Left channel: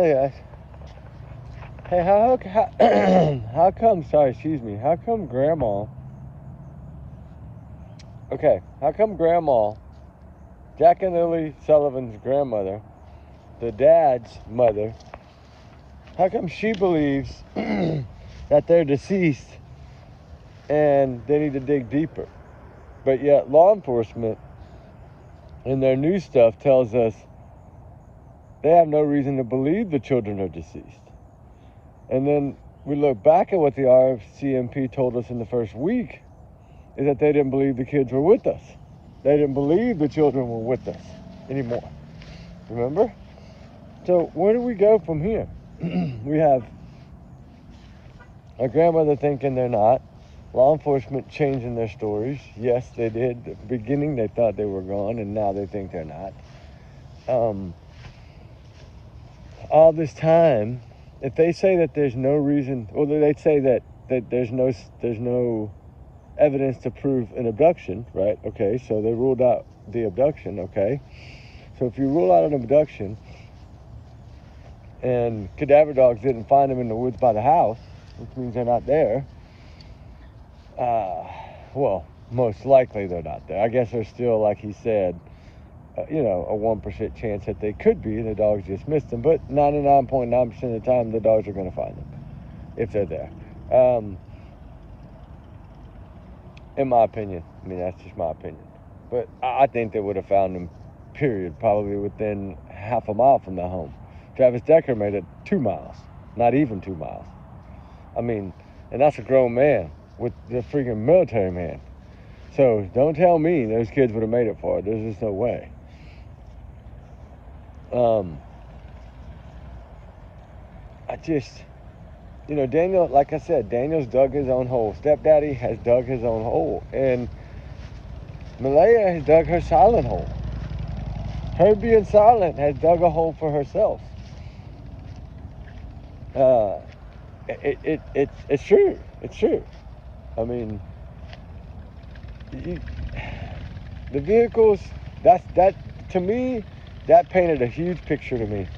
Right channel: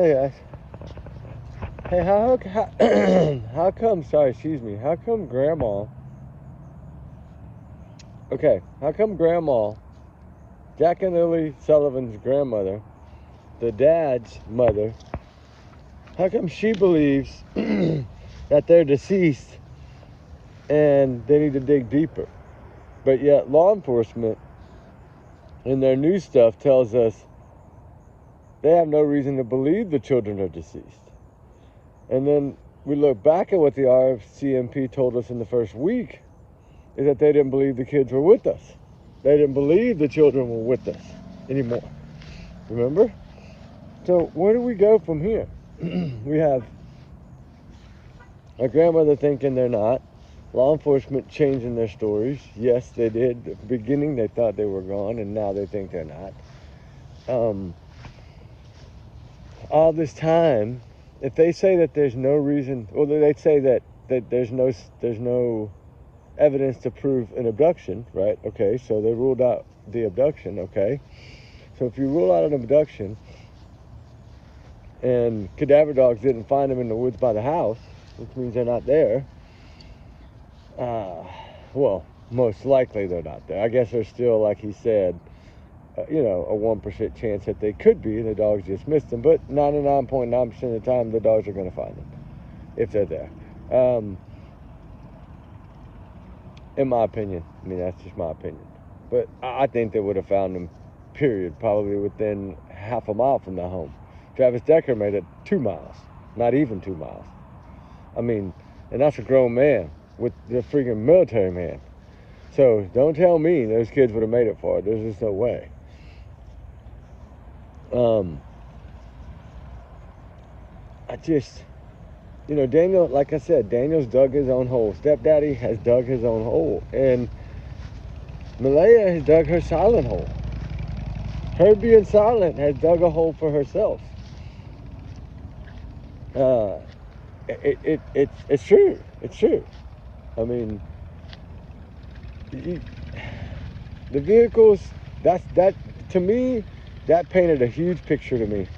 Hey guys. Hey, how come, sorry, excuse me, how come Grandma, Jack and Lily Sullivan's grandmother, the dad's mother, how come she believes that they're deceased and they need to dig deeper? But yet law enforcement in their new stuff tells us they have no reason to believe the children are deceased. And then we look back at what the RCMP told us in the first week, is that they didn't believe the kids were with us. They didn't believe the children were with us anymore. Remember? So where do we go from here? We have our grandmother thinking they're not. Law enforcement changing their stories. Yes, they did. At the beginning they thought they were gone, and now they think they're not. All this time, if they say that there's no reason, or they say that there's no evidence to prove an abduction, right? Okay, so they ruled out the abduction, okay? So if you rule out an abduction and cadaver dogs didn't find them in the woods by the house, which means they're not there, well, most likely they're not there. I guess there's still, like he said, a 1% chance that they could be, and the dogs just missed them, but 99.9% of the time, the dogs are going to find them, if they're there. In my opinion. I mean, that's just my opinion. But I think they would have found them, period, probably within half a mile from their home. Travis Decker made it 2 miles, not even 2 miles. I mean, and that's a grown man with the freaking military man. So don't tell me those kids would have made it far. There's just no way. Daniel, like I said, Daniel's dug his own hole. Stepdaddy has dug his own hole. And Malaya has dug her silent hole. Her being silent has dug a hole for herself. It's true. It's true. I mean, the vehicles, that to me, that painted a huge picture to me,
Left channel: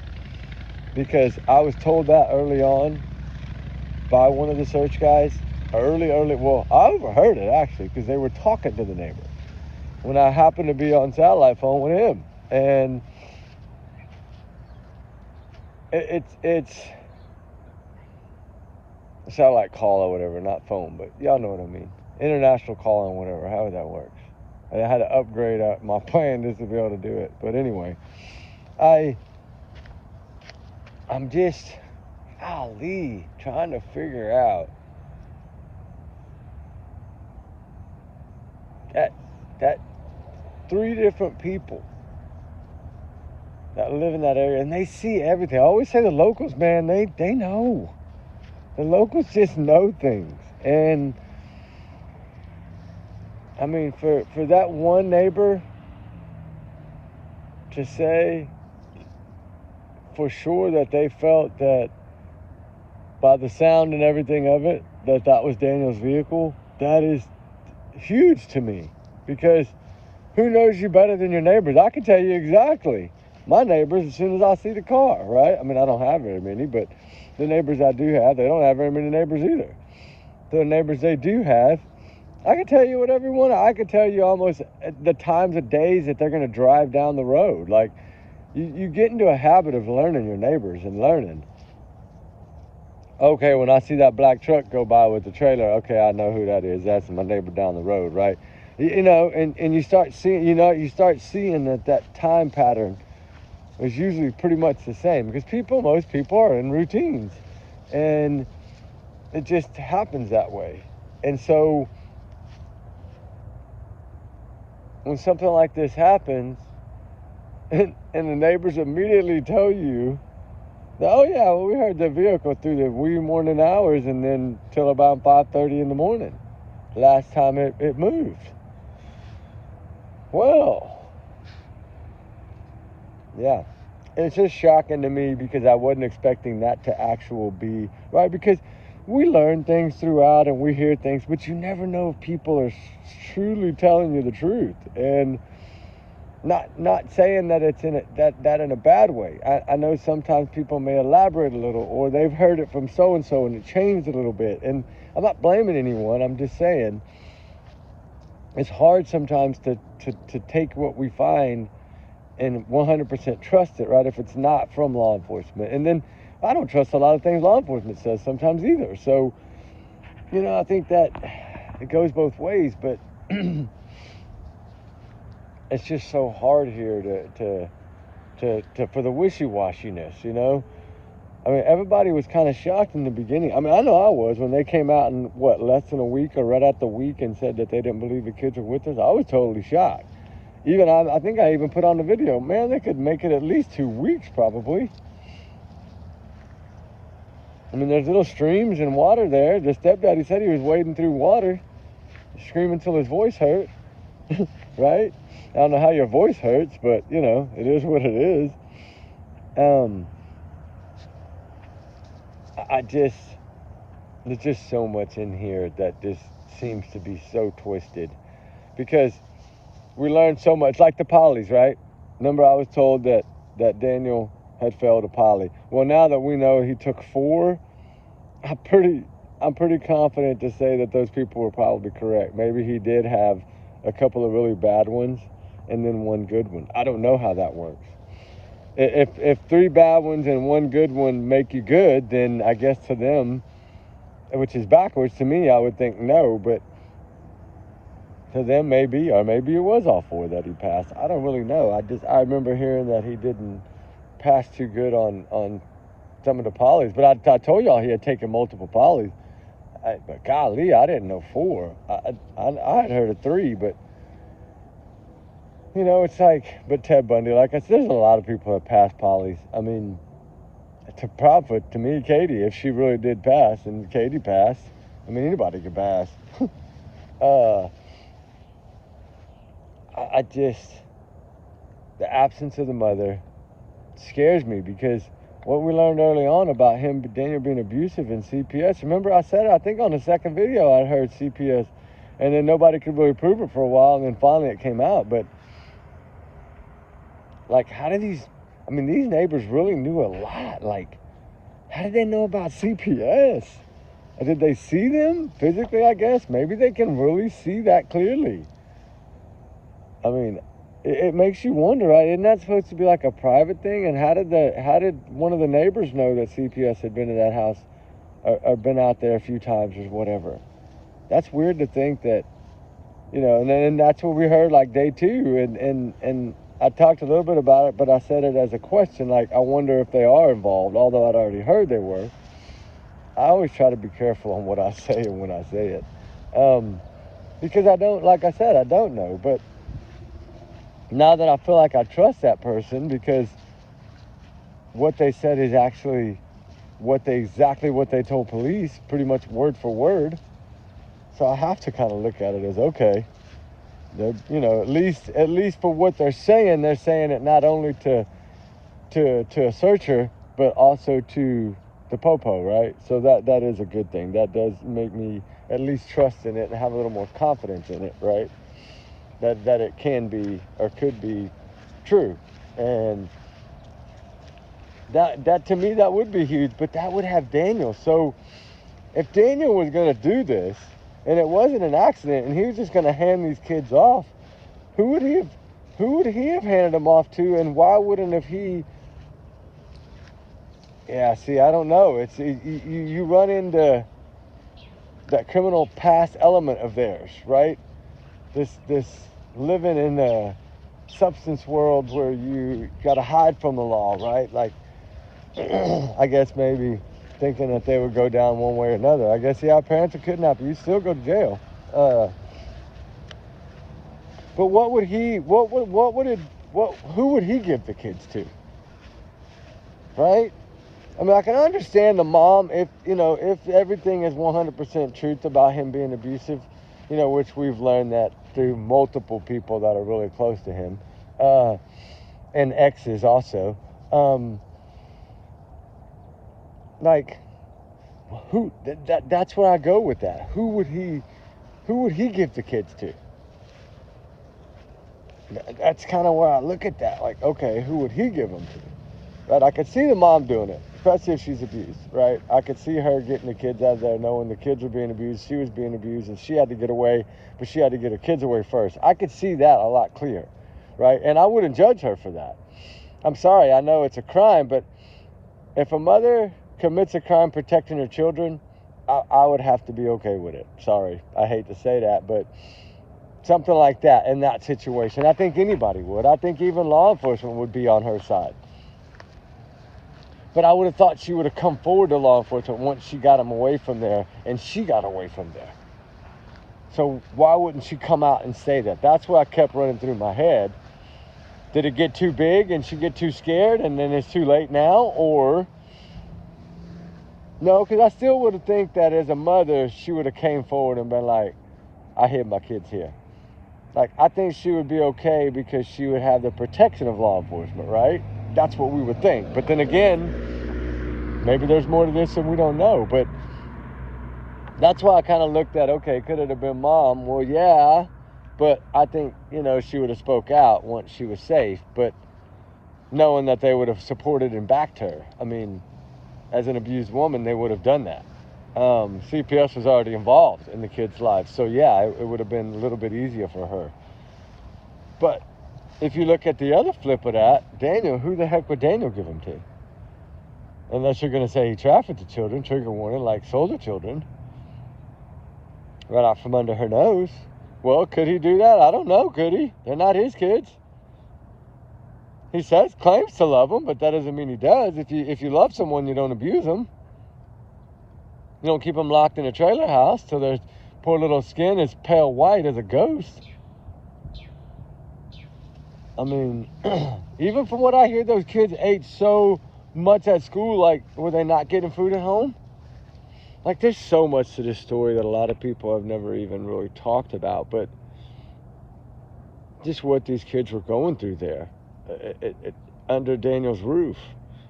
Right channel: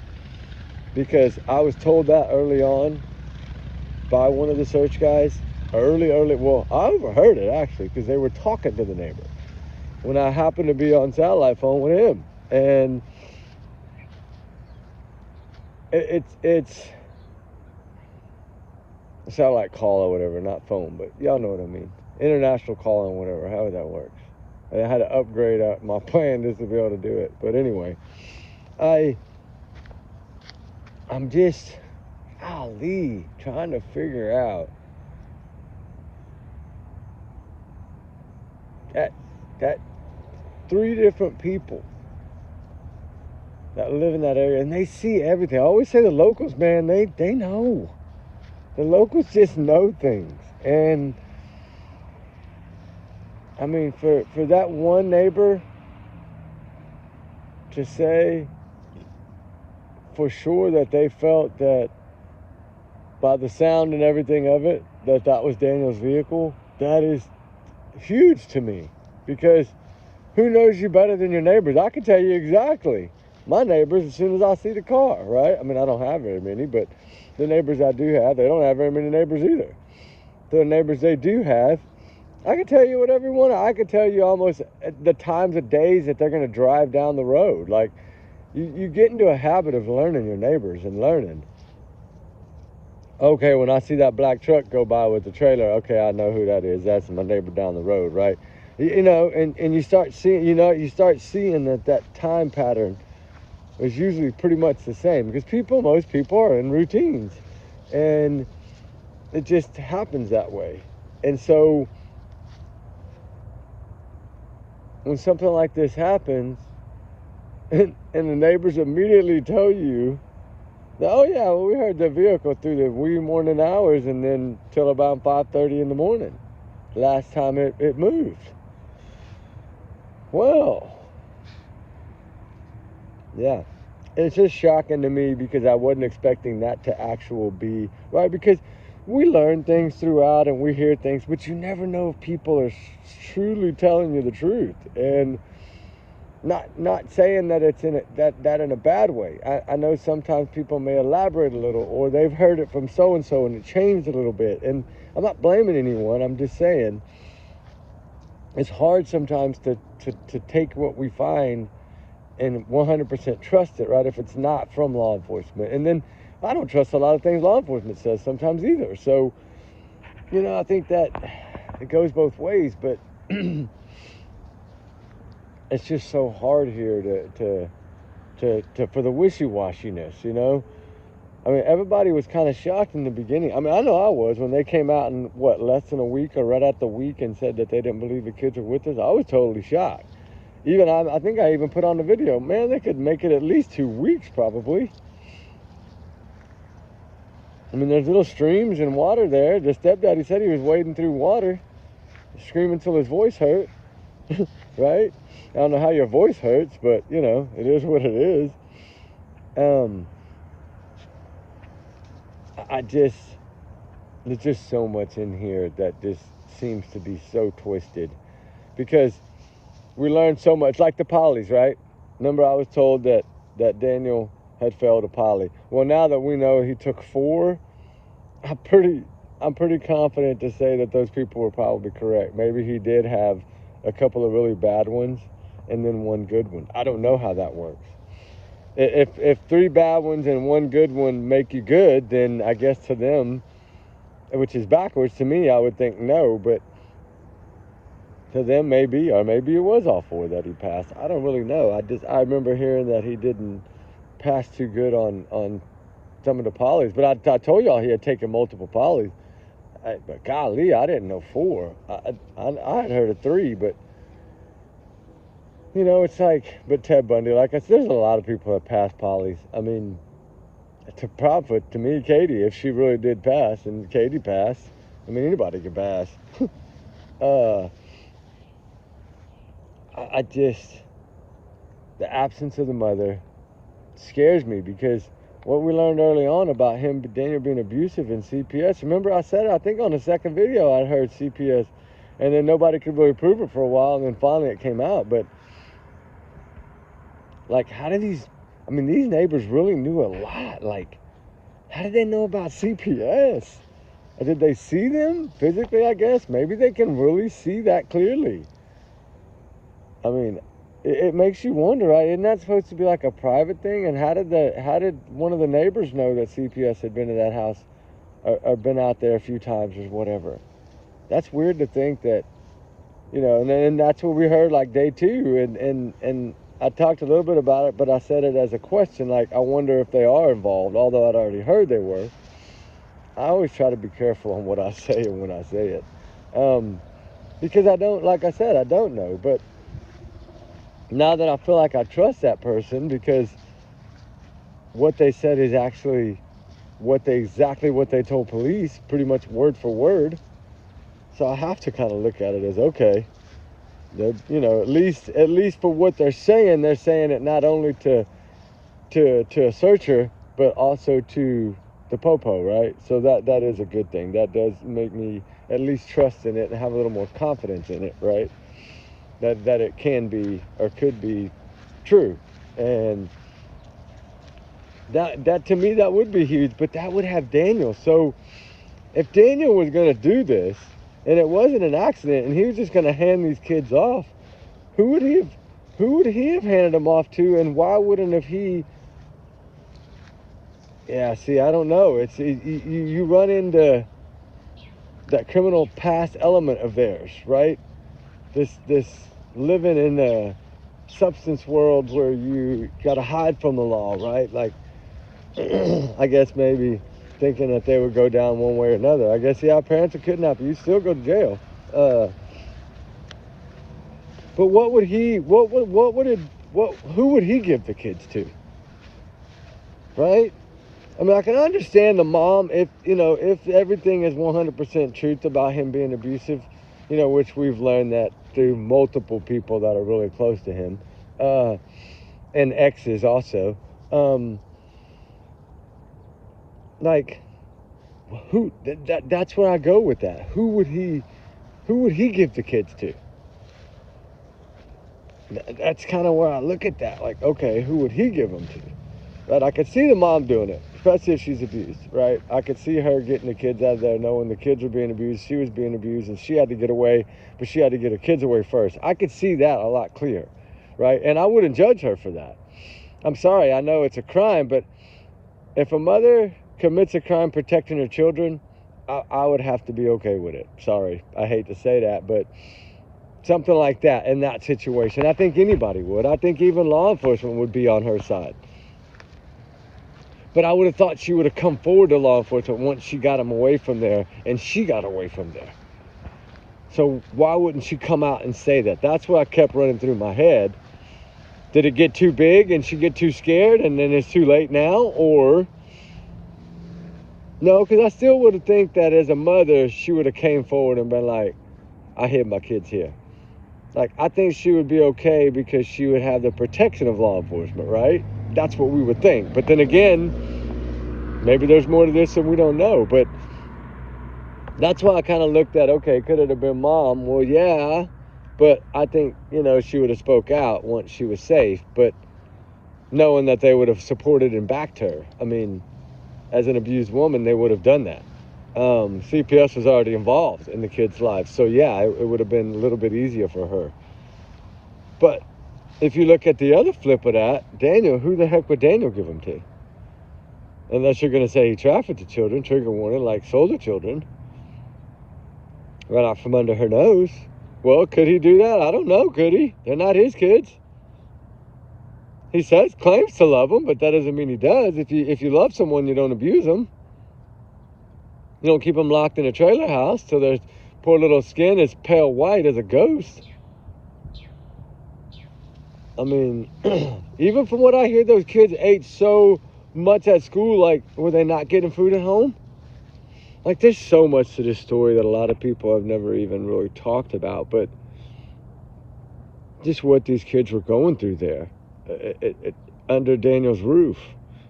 because I was told that early on by one of the search guys. Well, I overheard it actually, because they were talking to the neighbor when I happened to be on satellite phone with him, and it's satellite call or whatever, not phone, but y'all know what I mean. International calling, whatever, however that works. I had to upgrade my plan just to be able to do it. But anyway, I'm just, trying to figure out that 3 different people that live in that area, and they see everything. I always say the locals, man, they know. The locals just know things. And I mean, for that one neighbor to say for sure that they felt that by the sound and everything of it, that was Daniel's vehicle, that is huge to me. Because who knows you better than your neighbors? I can tell you exactly my neighbors as soon as I see the car, right? I mean, I don't have very many, but the neighbors I do have, they don't have very many neighbors either. The neighbors they do have, I can tell you whatever you want. I can tell you almost the times of days that they're going to drive down the road. Like, you get into a habit of learning your neighbors and learning. Okay, when I see that black truck go by with the trailer, okay, I know who that is. That's my neighbor down the road, right? And you start seeing, that time pattern is usually pretty much the same, because most people are in routines, and it just happens that way. And so when something like this happens, and the neighbors immediately tell you, oh yeah, well, we heard the vehicle through the wee morning hours, and then till about 5:30 in the morning, last time it moved. Well, yeah, it's just shocking to me, because I wasn't expecting that to actually be, right? Because we learn things throughout and we hear things, but you never know if people are truly telling you the truth. And Not saying that it's in that in a bad way. I know sometimes people may elaborate a little, or they've heard it from so and so and it changed a little bit. And I'm not blaming anyone. I'm just saying it's hard sometimes to take what we find and 100% trust it, right? If it's not from law enforcement. And then I don't trust a lot of things law enforcement says sometimes either. So, I think that it goes both ways, but it's just so hard here to for the wishy-washiness, I mean, everybody was kind of shocked in the beginning. I mean, I know I was when they came out in less than a week or right at the week and said that they didn't believe the kids were with us. I was totally shocked. Even I think I even put on the video, man, they could make it at least 2 weeks probably. I mean, there's little streams and water there. The stepdaddy said he was wading through water, screaming till his voice hurt, right? I don't know how your voice hurts, but, it is what it is. There's just so much in here that just seems to be so twisted. Because we learned so much, like the polys, right? Remember I was told that Daniel had failed a poly. Well, now that we know he took 4, I'm pretty confident to say that those people were probably correct. Maybe he did have a couple of really bad ones and then 1 good one. I don't know how that works. If 3 bad ones and 1 good one make you good, then I guess to them, which is backwards to me, I would think no, but to them maybe, or maybe it was all 4 that he passed. I don't really know. I remember hearing that he didn't pass too good on some of the polys, but I told y'all he had taken multiple polys. But golly, I didn't know 4. I had heard of 3, but it's like, but Ted Bundy, like I said, there's a lot of people that pass polys. I mean, to profit to me, Katie, if she really did pass, and Katie passed, I mean, anybody could pass. The absence of the mother scares me, because what we learned early on about Daniel being abusive in CPS, remember I said, I think on the second video I heard CPS, and then nobody could really prove it for a while, and then finally it came out. But like, these neighbors really knew a lot. Like, how did they know about CPS? Did they see them physically, I guess? Maybe they can really see that clearly. I mean, it makes you wonder, right? Isn't that supposed to be like a private thing? And how did one of the neighbors know that CPS had been to that house or been out there a few times or whatever? That's weird to think that, and then that's what we heard like day 2. And I talked a little bit about it, but I said it as a question, like, I wonder if they are involved, although I'd already heard they were. I always try to be careful on what I say and when I say it. Because I don't, like I said, I don't know. But now that I feel like I trust that person, because what they said is actually exactly what they told police, pretty much word for word. So I have to kind of look at it as, okay, at least for what they're saying it not only to a searcher, but also to the popo, right? So that is a good thing. That does make me at least trust in it and have a little more confidence in it, right? That it can be or could be true. And that to me, that would be huge, but that would have Daniel. So if Daniel was going to do this and it wasn't an accident and he was just going to hand these kids off, who would he have handed them off to, and why wouldn't have he? Yeah, see, I don't know. You run into that criminal past element of theirs, right? This living in the substance world where you got to hide from the law, right? Like, I guess maybe thinking that they would go down one way or another. I guess, yeah, parents are kidnapped, you still go to jail. But who would he give the kids to? Right? I mean, I can understand the mom if everything is 100% truth about him being abusive, which we've learned that through multiple people that are really close to him, and exes also. That's where I go with that. Who would he give the kids to? That's kind of where I look at that. Like, okay, who would he give them to? Right? I could see the mom doing it, especially if she's abused, right? I could see her getting the kids out of there, knowing the kids were being abused, she was being abused, and she had to get away, but she had to get her kids away first. I could see that a lot clearer, right? And I wouldn't judge her for that. I'm sorry, I know it's a crime, but if a mother commits a crime protecting her children, I would have to be okay with it. Sorry, I hate to say that, but something like that in that situation, I think anybody would. I think even law enforcement would be on her side. But I would have thought she would have come forward to law enforcement once she got him away from there, and she got away from there. So why wouldn't she come out and say that? That's what I kept running through my head. Did it get too big and she get too scared and then it's too late now? Or no, because I still would have think that as a mother, she would have came forward and been like, I hid my kids here. Like, I think she would be okay because she would have the protection of law enforcement, right? That's what we would think. But then again, maybe there's more to this than we don't know. But that's why I kind of looked at, okay, could it have been mom? Well, yeah. But I think, she would have spoke out once she was safe. But knowing that they would have supported and backed her. I mean, as an abused woman, they would have done that. CPS was already involved in the kids' lives. So, yeah, it would have been a little bit easier for her. But if you look at the other flip of that, Daniel, who the heck would Daniel give him to? Unless you're going to say he trafficked the children, trigger warning, like sold the children. Right out from under her nose. Well, could he do that? I don't know. Could he? They're not his kids. He claims to love them, but that doesn't mean he does. If you love someone, you don't abuse them. You don't keep them locked in a trailer house till their poor little skin is pale white as a ghost. I mean, even from what I hear, those kids ate so much at school, like, were they not getting food at home? Like, there's so much to this story that a lot of people have never even really talked about, but just what these kids were going through there under Daniel's roof.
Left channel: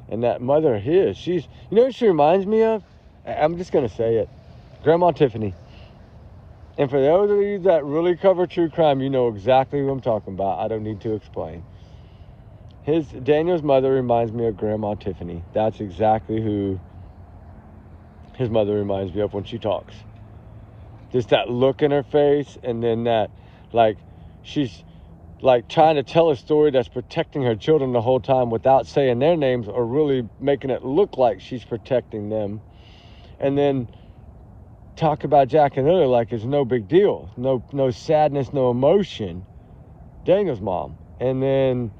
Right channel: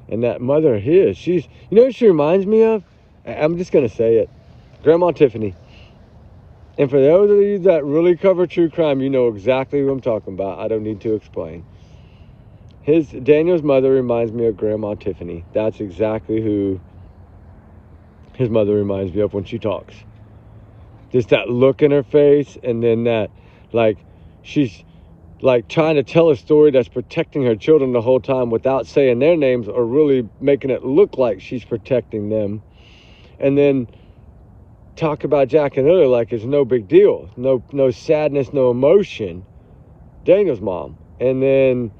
And that mother of his, she's, what she reminds me of? I'm just going to say it. Grandma Tiffany. And for those of you that really cover true crime, you know exactly who I'm talking about. I don't need to explain. Daniel's mother reminds me of Grandma Tiffany. That's exactly who his mother reminds me of when she talks. Just that look in her face, and then that, like, she's like trying to tell a story that's protecting her children the whole time without saying their names or really making it look like she's protecting them. And then talk about Jack and Lily like it's no big deal. No sadness, no emotion. Daniel's mom. And then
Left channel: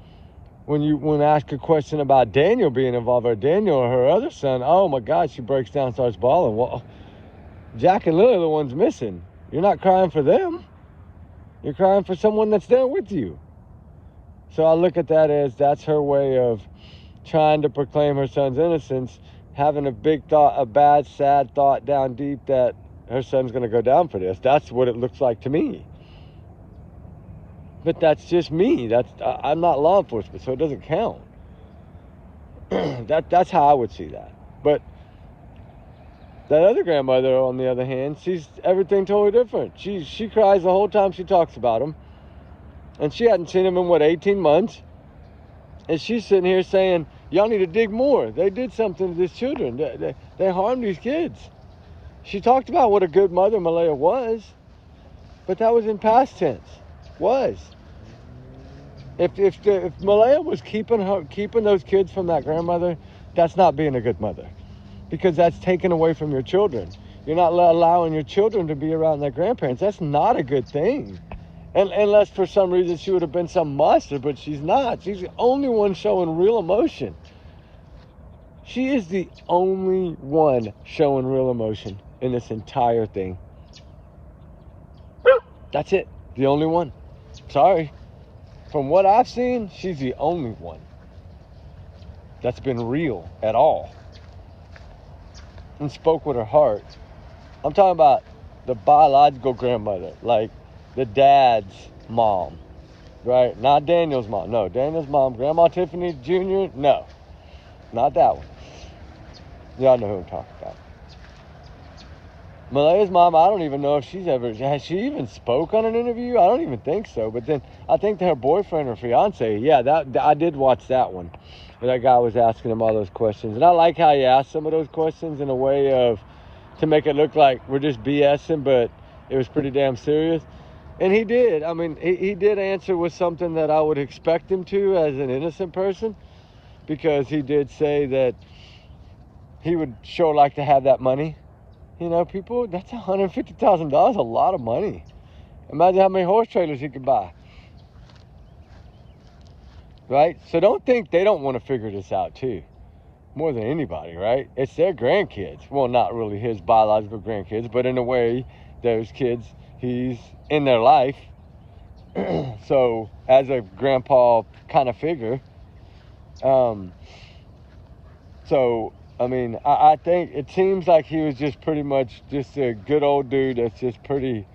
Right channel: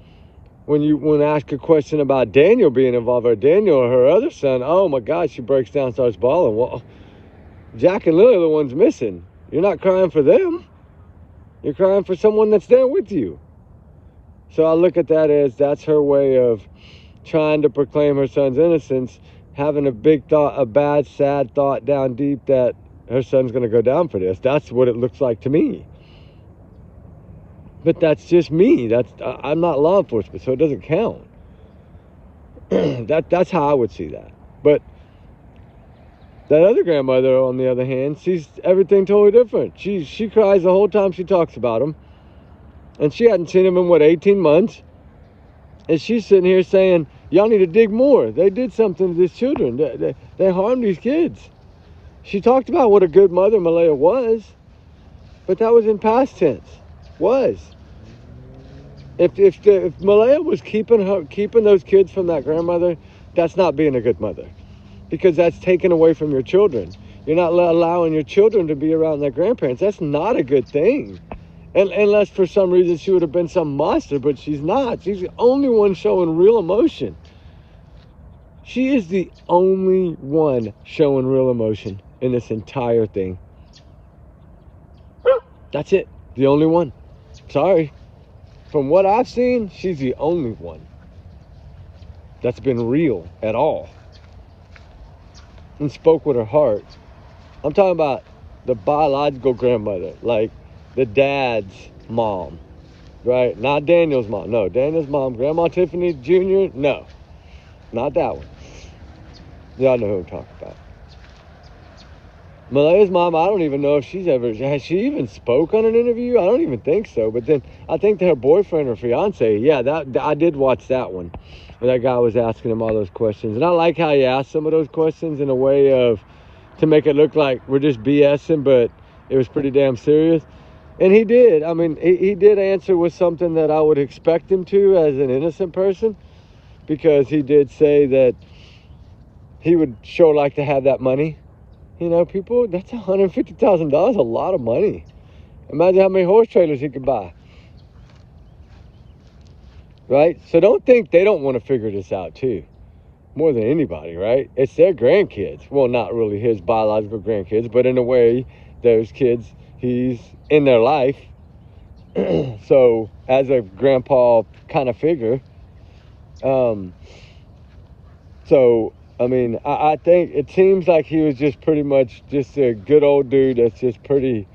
when I ask a question about Daniel being involved, or Daniel or her other son, oh my God, she breaks down and starts bawling. Well, Jack and Lily are the ones missing. You're not crying for them. You're crying for someone that's there with you. So I look at that as that's her way of trying to proclaim her son's innocence, having a bad, sad thought down deep that her son's going to go down for this. That's what it looks like to me. But that's just me. I'm not law enforcement, so it doesn't count. That's how I would see that. But that other grandmother, on the other hand, sees everything totally different. She cries the whole time she talks about him. And she hadn't seen him in, 18 months? And she's sitting here saying, y'all need to dig more. They did something to these children. They harmed these kids. She talked about what a good mother Malaya was, but that was in past tense. Was. If Malaya was keeping those kids from that grandmother, that's not being a good mother, because that's taken away from your children. You're not allowing your children to be around their grandparents. That's not a good thing. And unless for some reason she would have been some monster, but she's not. She's the only one showing real emotion. She is the only one showing real emotion in this entire thing. That's it. The only one. Sorry. From what I've seen, she's the only one that's been real at all and spoke with her heart. I'm talking about the biological grandmother, like the dad's mom, right? Not Daniel's mom. No, Daniel's mom, Grandma Tiffany Jr., no, not that one. Y'all know who I'm talking about. Malaya's mom, I don't even know if has she even spoke on an interview? I don't even think so. But then I think that her boyfriend or fiance, I did watch that one. Where that guy was asking him all those questions. And I like how he asked some of those questions in a way to make it look like we're just BSing, but it was pretty damn serious. And he did. I mean, he did answer with something that I would expect him to as an innocent person, because he did say that he would sure like to have that money. You know, people, that's $150,000, a lot of money. Imagine how many horse trailers he could buy. Right? So don't think they don't want to figure this out too. More than anybody, right? It's their grandkids. Well, not really his biological grandkids, but in a way, those kids, he's in their life. So, as a grandpa kind of figure. I mean, I think it seems like he was just pretty much just a good old dude that's just pretty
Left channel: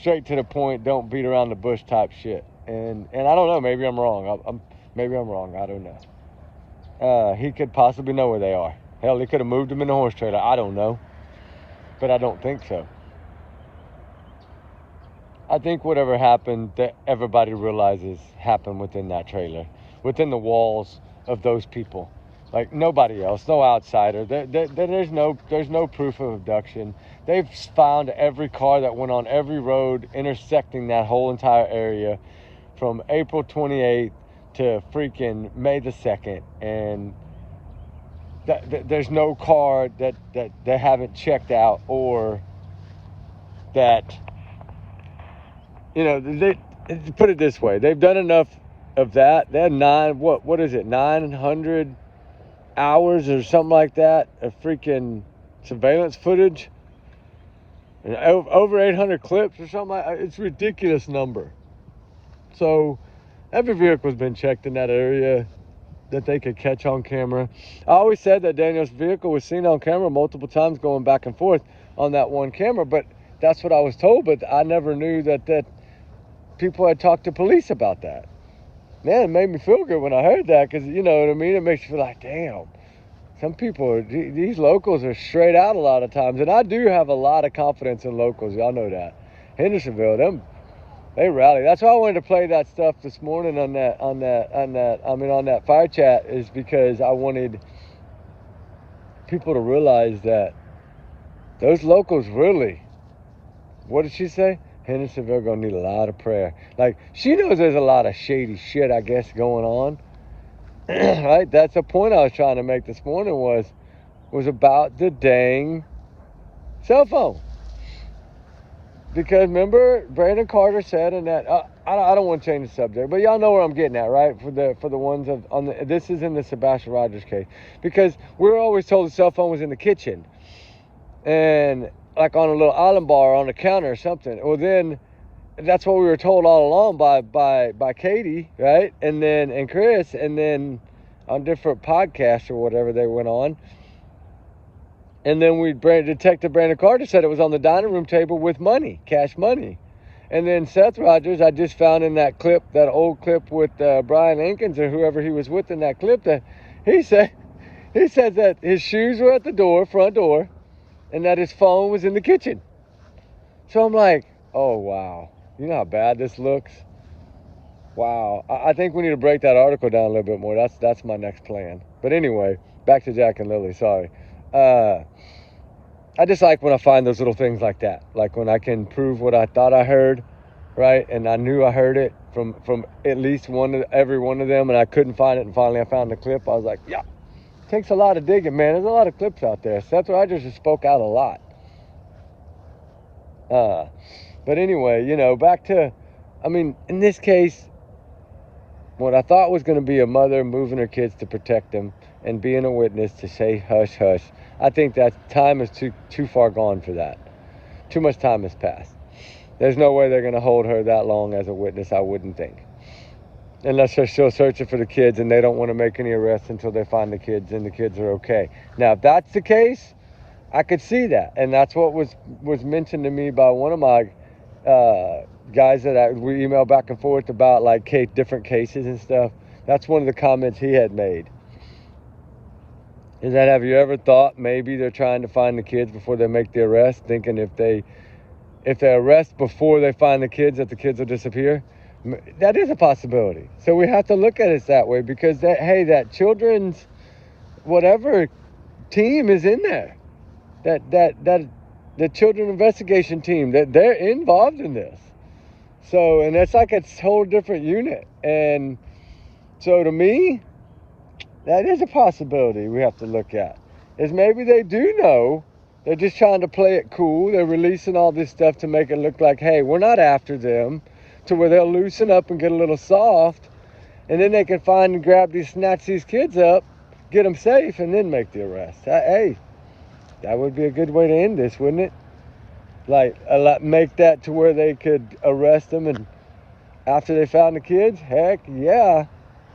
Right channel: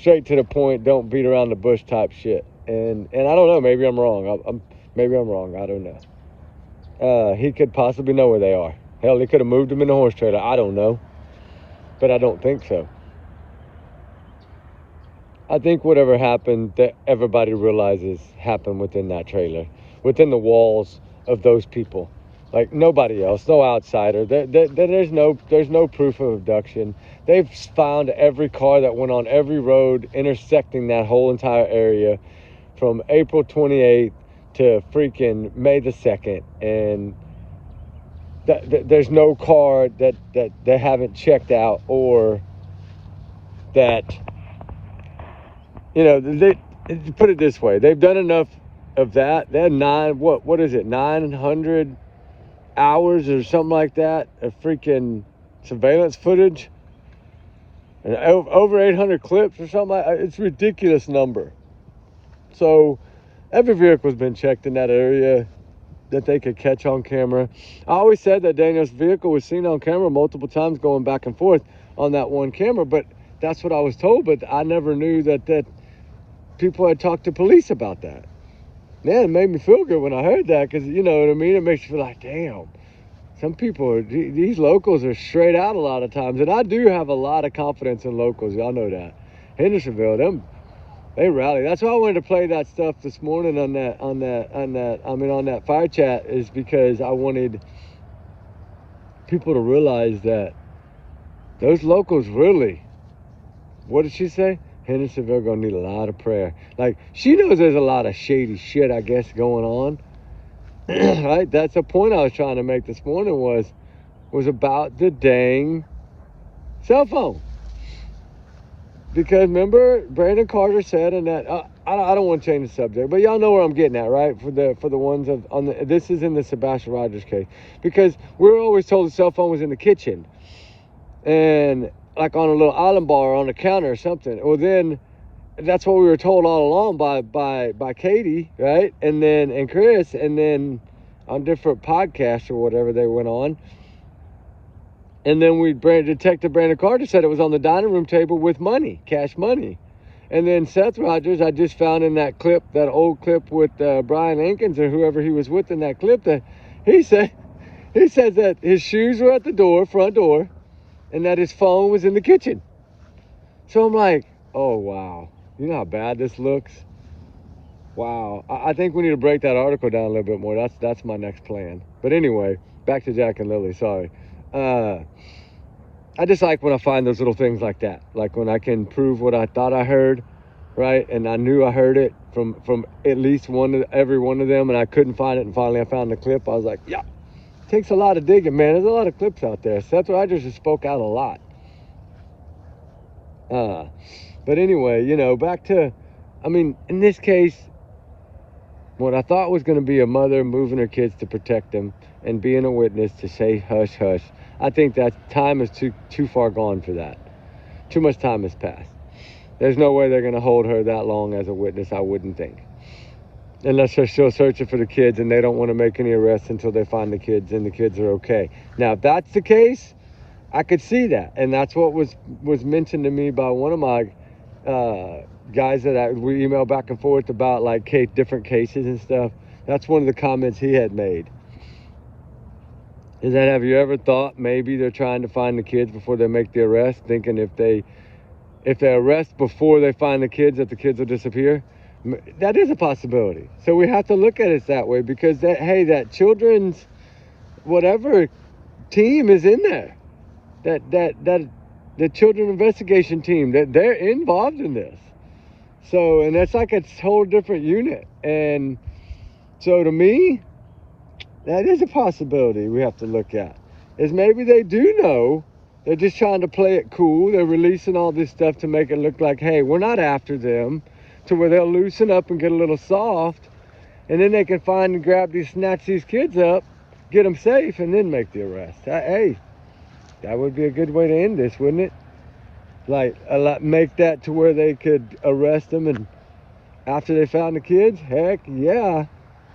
straight to the point, don't beat around the bush type shit. And I don't know, maybe I'm wrong. Maybe I'm wrong, I don't know. He could possibly know where they are. Hell, he could have moved them in a horse trailer, I don't know. But I don't think so. I think whatever happened, that everybody realizes happened within that trailer, within the walls of those people. Like nobody else, no outsider. There's no proof of abduction. They've found every car that went on every road intersecting that whole entire area from April 28th to freaking May the 2nd. And there's no car that they haven't checked out, or that, you know, they put it this way. They've done enough of that. They had 900 hours or something like that of freaking surveillance footage, and over 800 clips or something like that. It's a ridiculous number. So every vehicle's been checked in that area that they could catch on camera. I always said that Daniel's vehicle was seen on camera multiple times going back and forth on that one camera, but that's what I was told. But I never knew that people had talked to police about that. Man, it made me feel good when I heard that, because, you know what I mean? It makes you feel like, damn, some people, these locals are straight out a lot of times. And I do have a lot of confidence in locals. Y'all know that. Hendersonville, they rally. That's why I wanted to play that stuff this morning on that fire chat, is because I wanted people to realize that those locals really, what did she say? Hendersonville gonna need a lot of prayer. Like, she knows there's a lot of shady shit, I guess, going on. Right? That's the point I was trying to make this morning, was about the dang cell phone. Because remember, Brandon Carter said in that, I don't want to change the subject, but y'all know where I'm getting at, right? For the ones this is in the Sebastian Rogers case. Because we were always told the cell phone was in the kitchen. And like on a little island bar on the counter or something. Well, then that's what we were told all along by Katie, right? And Chris, and then on different podcasts or whatever they went on. And then Detective Brandon Carter said it was on the dining room table with money, cash money. And then Seth Rogers, I just found in that clip, that old clip with Brian Ankins or whoever he was with in that clip, that he says that his shoes were at the front door, and that his phone was in the kitchen. So I'm like, oh, wow. You know how bad this looks? Wow. I think we need to break that article down a little bit more. That's my next plan. But anyway, back to Jack and Lily. Sorry. I just like when I find those little things like that. Like when I can prove what I thought I heard, right? And I knew I heard it from at least every one of them, and I couldn't find it. And finally I found the clip. I was like, yeah. Takes a lot of digging, man. There's a lot of clips out there. Seth Rogers has spoke out a lot. But anyway, you know, back to, I mean, in this case, what I thought was going to be a mother moving her kids to protect them and being a witness to say hush, hush. I think that time is too far gone for that. Too much time has passed. There's no way they're going to hold her that long as a witness, I wouldn't think. Unless they're still searching for the kids and they don't want to make any arrests until they find the kids and the kids are okay. Now, if that's the case, I could see that. And that's what was mentioned to me by one of my guys that we emailed back and forth about, like, different cases and stuff. That's one of the comments he had made. is that, have you ever thought maybe they're trying to find the kids before they make the arrest, thinking if they arrest before they find the kids, that the kids will disappear? That is a possibility. So we have to look at it that way, because that children's whatever team is in there, that the children investigation team, that they're involved in this. So, and it's like a whole different unit. And so to me, that is a possibility we have to look at. Is maybe they do know, they're just trying to play it cool. They're releasing all this stuff to make it look like, hey, we're not after them, to where they'll loosen up and get a little soft, and then they can find and grab snatch these kids up, get them safe, and then make the arrest. Hey, that would be a good way to end this, wouldn't it? Like, make that to where they could arrest them, and after they found the kids, heck yeah,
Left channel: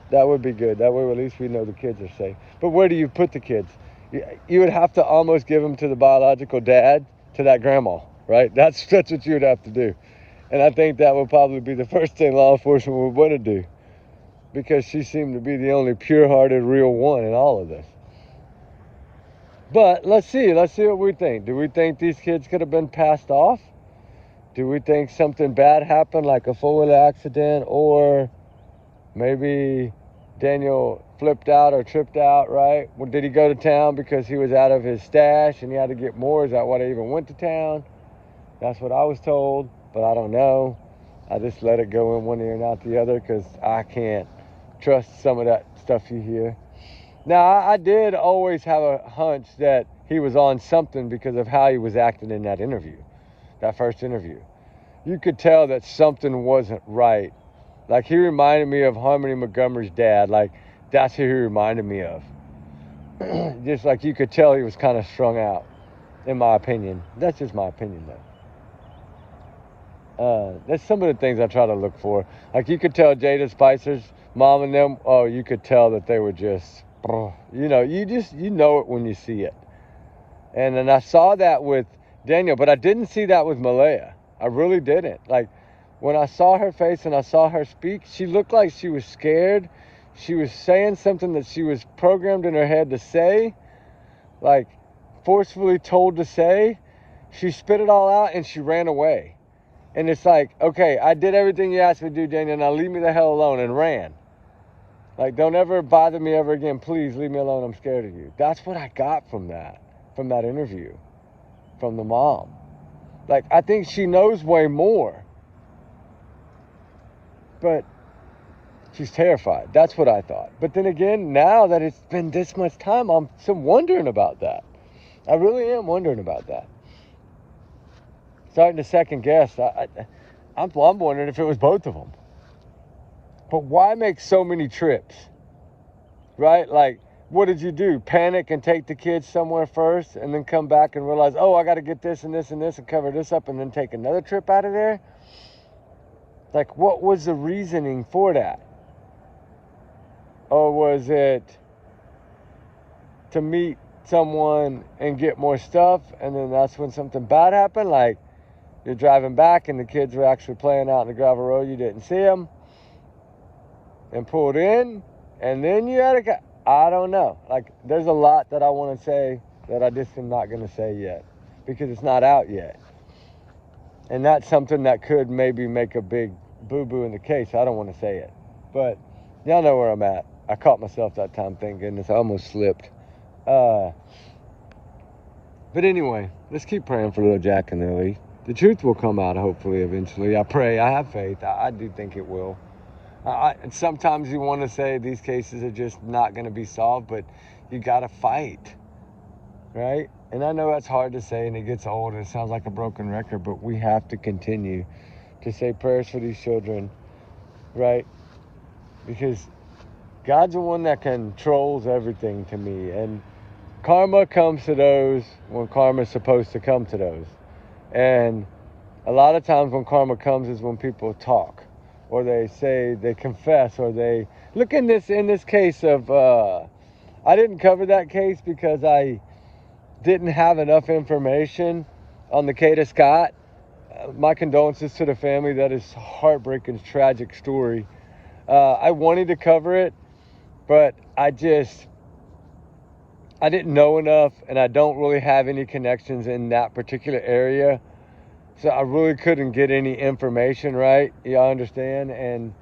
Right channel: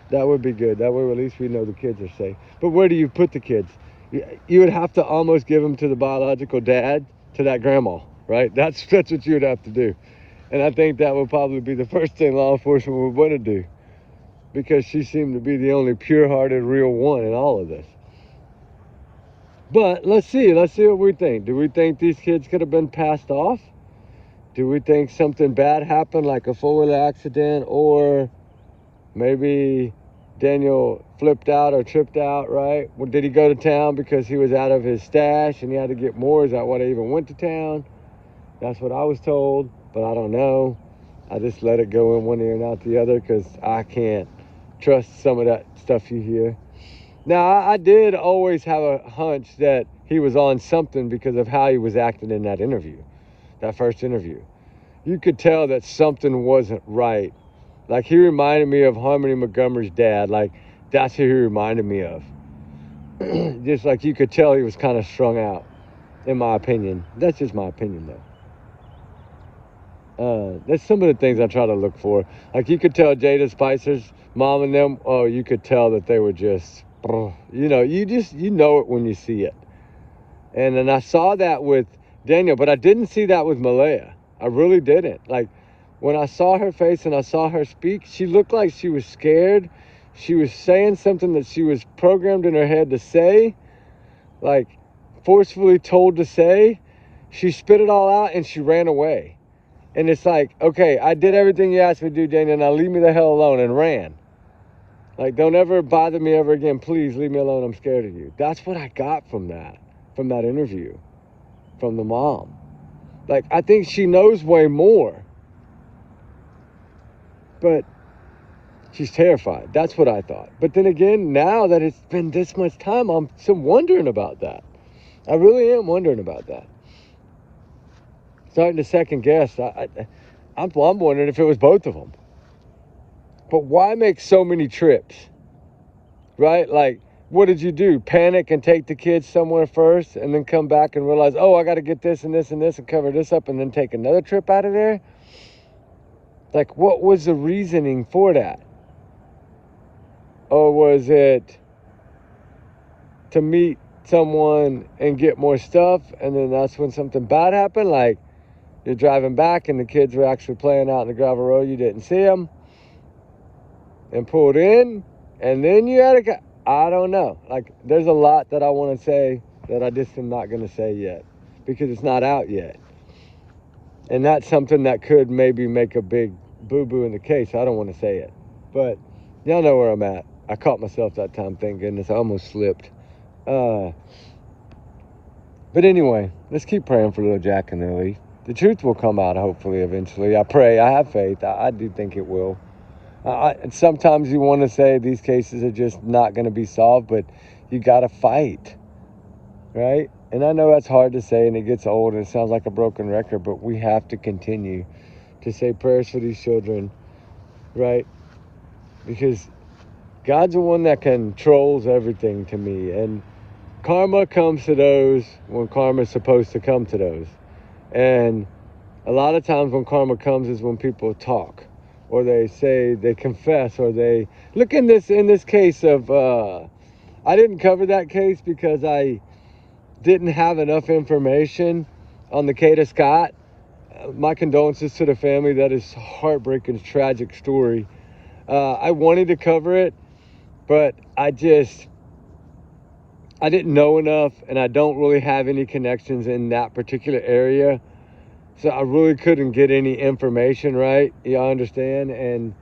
that would be good. That way at least we know the kids are safe. But where do you put the kids? You would have to almost give them to the biological dad, to that grandma, right? That's what you would have to do. And I think that would probably be the first thing law enforcement would want to do, because she seemed to be the only pure-hearted, real one in all of this. But let's see what we think. Do we think these kids could have been passed off? Do we think something bad happened, like a four-wheeler accident, or maybe Daniel flipped out or tripped out, right? Well, did he go to town because he was out of his stash and he had to get more? Is that why they even went to town? That's what I was told, but I don't know. I just let it go in one ear and out the other, because I can't trust some of that stuff you hear. Now, I did always have a hunch that he was on something because of how he was acting in that interview, that first interview. You could tell that something wasn't right. Like, he reminded me of Harmony Montgomery's dad. Like, that's who he reminded me of. Just like you could tell he was kind of strung out, in my opinion. That's just my opinion, though. That's some of the things I try to look for. Like, you could tell Jada Spicer's mom and them, oh, you could tell that they were just, you know it when you see it. And then I saw that with Daniel, but I didn't see that with Malaya. I really didn't. Like, when I saw her face and I saw her speak, she looked like she was scared. She was saying something that she was programmed in her head to say, like forcefully told to say. She spit it all out and she ran away. And it's like, okay, I did everything you asked me to do, Daniel, now leave me the hell alone, and ran. Like, don't ever bother me ever again. Please leave me alone. I'm scared of you. That's what I got from that interview, from the mom. Like, I think she knows way more, but she's terrified. That's what I thought. But then again, now that it's been this much time, I'm still wondering about that. I really am wondering about that. Starting to second guess. I'm wondering if it was both of them. But why make so many trips? Right? Like, what did you do? Panic and take the kids somewhere first and then come back and realize, oh, I got to get this and this and this and cover this up, and then take another trip out of there? Like, what was the reasoning for that? Or was it to meet someone and get more stuff, and then that's when something bad happened? Like, you're driving back and the kids were actually playing out in the gravel road, you didn't see them, and pulled in, and then you had I don't know. Like, there's a lot that I want to say that I just am not going to say yet, because it's not out yet. And that's something that could maybe make a big boo-boo in the case. I don't want to say it, but y'all know where I'm at. I caught myself that time, thank goodness. I almost slipped. But anyway, let's keep praying for little Jack and Lily. The truth will come out, hopefully, eventually. I pray. I have faith. I do think it will. Sometimes you want to say these cases are just not going to be solved, but you got to fight, right? And I know that's hard to say, and it gets old, and it sounds like a broken record, but we have to continue to say prayers for these children, right? Because God's the one that controls everything to me, and karma comes to those when karma's supposed to come to those. And a lot of times when karma comes is when people talk, or they say, they confess, or they look in this case of, I didn't cover that case because I didn't have enough information on the Kata Scott. My condolences to the family. That is heartbreaking, tragic story. I wanted to cover it, but I I didn't know enough, and I don't really have any connections in that particular area. So I really couldn't get any information, right? Y'all understand? And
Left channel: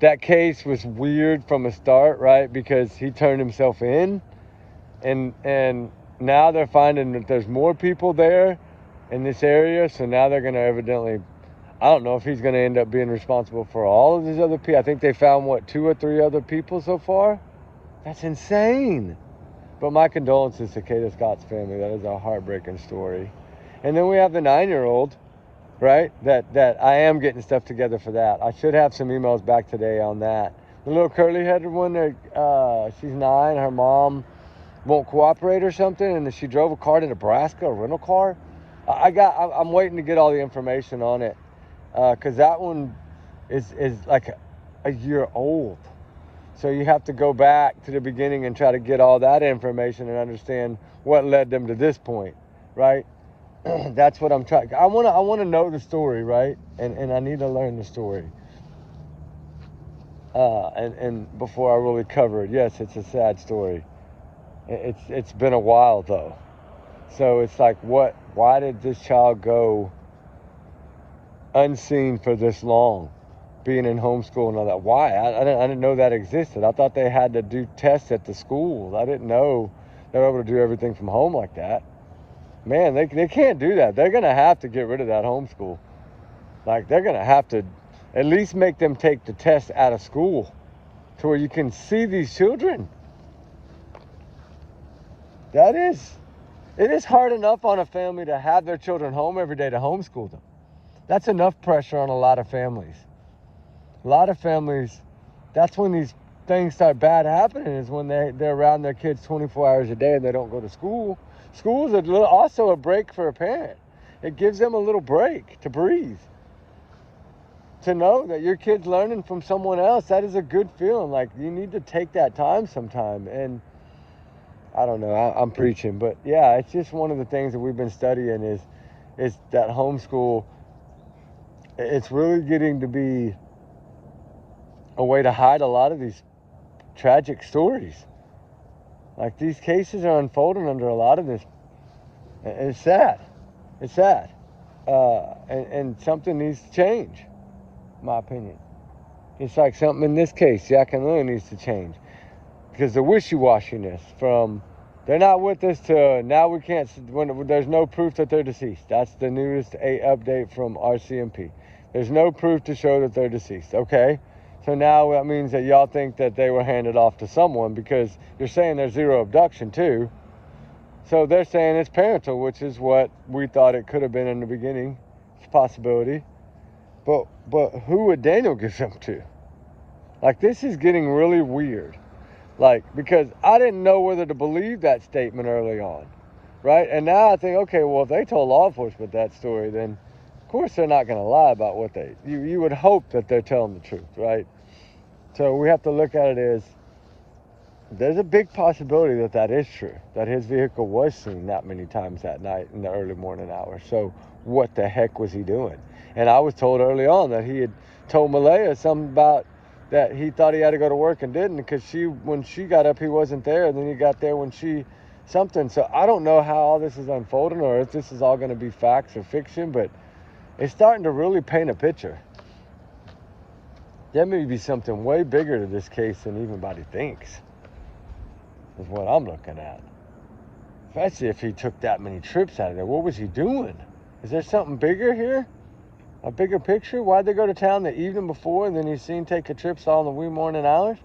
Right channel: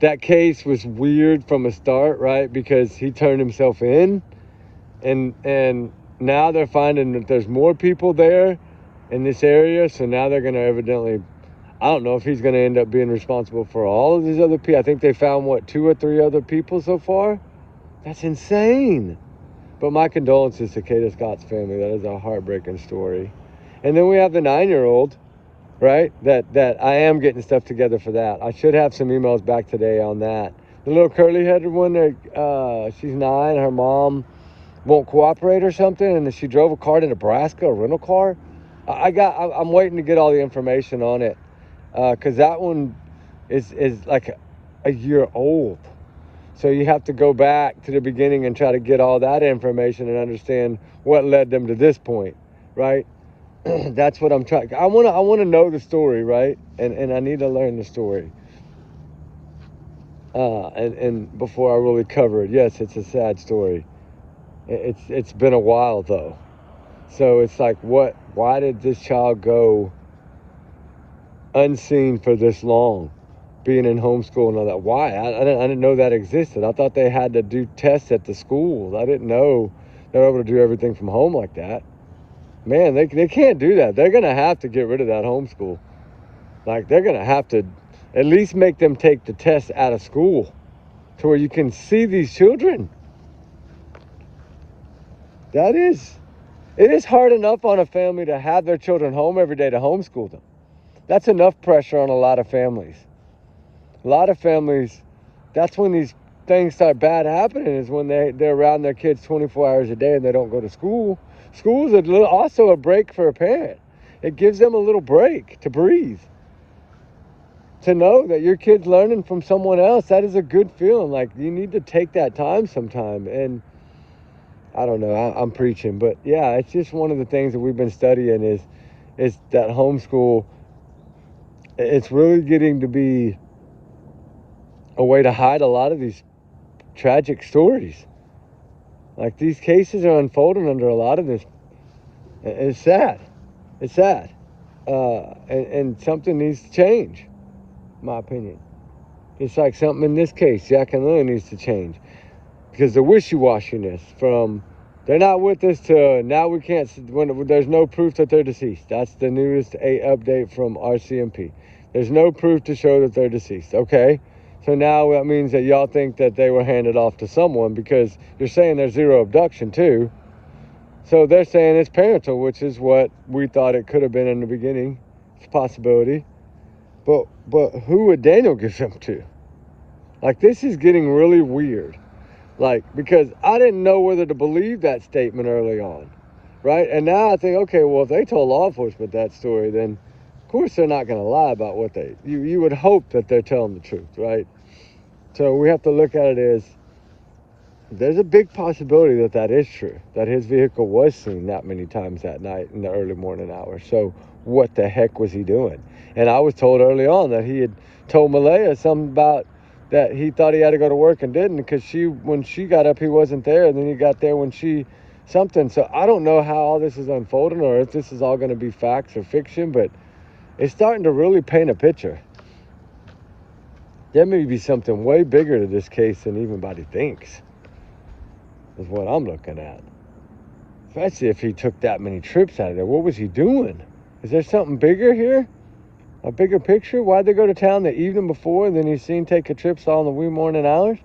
that case was weird from a start, right? Because he turned himself in, and now they're finding that there's more people there in this area. So now they're going to evidently, I don't know if he's going to end up being responsible for all of these other people. I think they found, what, 2 or 3 other people so far? That's insane. But my condolences to Kata Scott's family. That is a heartbreaking story. And then we have the 9-year-old, right? That I am getting stuff together for that. I should have some emails back today on that. The little curly-headed one, she's 9. Her mom won't cooperate or something, and she drove a car to Nebraska, a rental car. I'm waiting to get all the information on it, because that one is like a year old. So you have to go back to the beginning and try to get all that information and understand what led them to this point, right? That's what I'm trying. I want to know the story, right? And I need to learn the story. And before I really cover it, yes, it's a sad story. It's been a while though. So it's like, why did this child go unseen for this long? Being in homeschool and all that. Why? I didn't know that existed. I thought they had to do tests at the schools. I didn't know they were able to do everything from home like that. Man, they can't do that. They're going to have to get rid of that homeschool. Like, they're going to have to at least make them take the test out of school to where you can see these children. It is hard enough on a family to have their children home every day to homeschool them. That's enough pressure on a lot of families. A lot of families, that's when these things start bad happening, is when they're around their kids 24 hours a day and they don't go to school. School is also a break for a parent. It gives them a little break to breathe. To know that your kid's learning from someone else, that is a good feeling. Like, you need to take that time sometime. And I don't know, I'm preaching, but yeah, it's just one of the things that we've been studying is that homeschool, it's really getting to be a way to hide a lot of these tragic stories. Like, these cases are unfolding under a lot of this. It's sad. It's sad. And something needs to change, in my opinion. It's like something in this case, Jack and Lily, needs to change. Because the wishy-washiness from they're not with us to now we can't, when there's no proof that they're deceased. That's the newest update from RCMP. There's no proof to show that they're deceased. Okay. So now that means that y'all think that they were handed off to someone, because you're saying there's 0 abduction too. So they're saying it's parental, which is what we thought it could have been in the beginning. It's a possibility. But who would Daniel give them to? Like, this is getting really weird. Like, because I didn't know whether to believe that statement early on, right? And now I think, okay, well, if they told law enforcement that story, then of course they're not going to lie about what you would hope that they're telling the truth, right? So we have to look at it as there's a big possibility that that is true, that his vehicle was seen that many times that night in the early morning hours. So what the heck was he doing? And I was told early on that he had told Malaya something about that he thought he had to go to work and didn't, because when she got up, he wasn't there, and then he got there when something. So I don't know how all this is unfolding, or if this is all going to be facts or fiction, but it's starting to really paint a picture. There may be something way bigger to this case than anybody thinks, is what I'm looking at. Especially if he took that many trips out of there. What was he doing? Is there something bigger here? A bigger picture? Why'd they go to town the evening before, and then he's seen take a trip on the wee morning hours?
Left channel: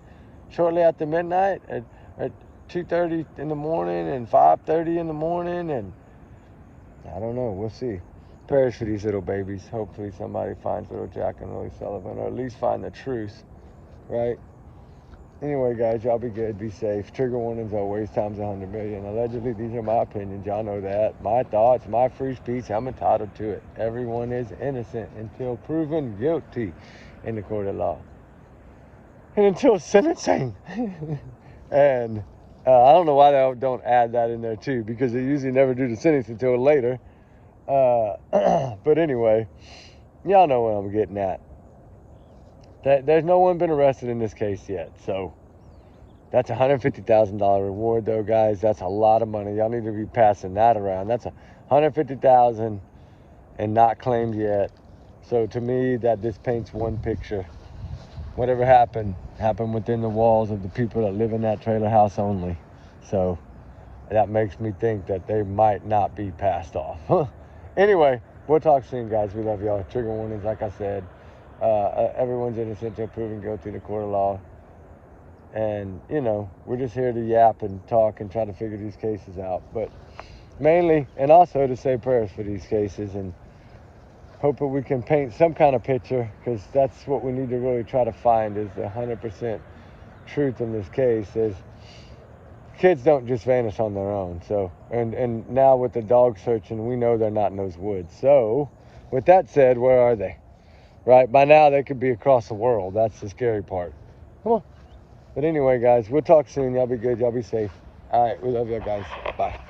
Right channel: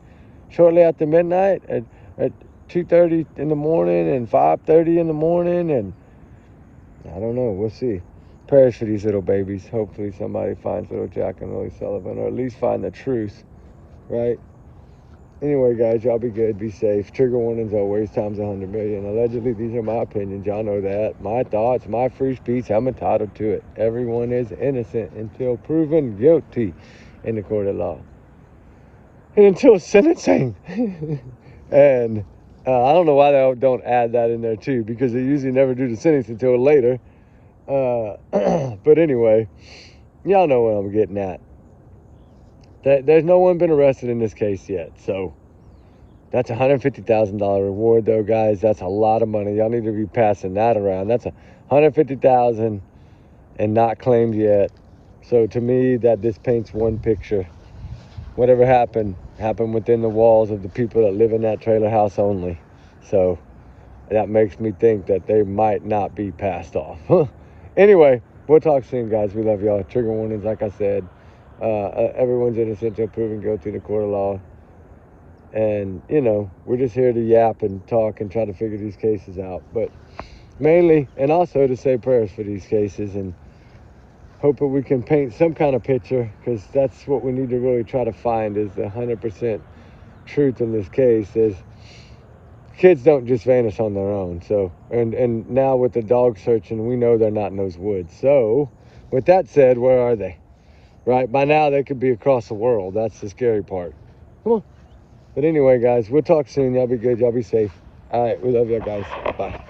Shortly after midnight at 2:30 in the morning and 5:30 in the morning, and I don't know. We'll see. Prayers for these little babies. Hopefully somebody finds little Jack and Lily Sullivan, or at least find the truth, right? Anyway, guys, y'all be good, be safe. Trigger warnings always times 100 million. Allegedly, these are my opinions. Y'all know that. My thoughts, my free speech. I'm entitled to it. Everyone is innocent until proven guilty in the court of law, and until sentencing. And I don't know why they don't add that in there too, because they usually never do the sentencing until later. But anyway, y'all know what I'm getting at. There's no one been arrested in this case yet, so That's a $150,000 reward, though, guys. That's a lot of money. Y'all need to be passing that around. That's a $150,000 and not claimed yet. So to me, that just paints one picture. Whatever happened within the walls of the people that live in that trailer house only. So that makes me think that they might not be passed off. Anyway, we'll talk soon, guys. We love y'all. Trigger warnings, like I said. Everyone's innocent until proven guilty in the court of law. And, you know, we're just here to yap and talk and try to figure these cases out. But mainly, and also to say prayers for these cases and hope that we can paint some kind of picture, because that's what we need to really try to find, is the 100% truth in this case. Is kids don't just vanish on their own. So, and now with the dog searching, we know they're not in those woods. So with that said, where are they? Right? By now they could be across the world. That's the scary part. Come on. But anyway, guys, we'll talk soon. Y'all be good. Y'all be safe. All right. We love you guys. Bye.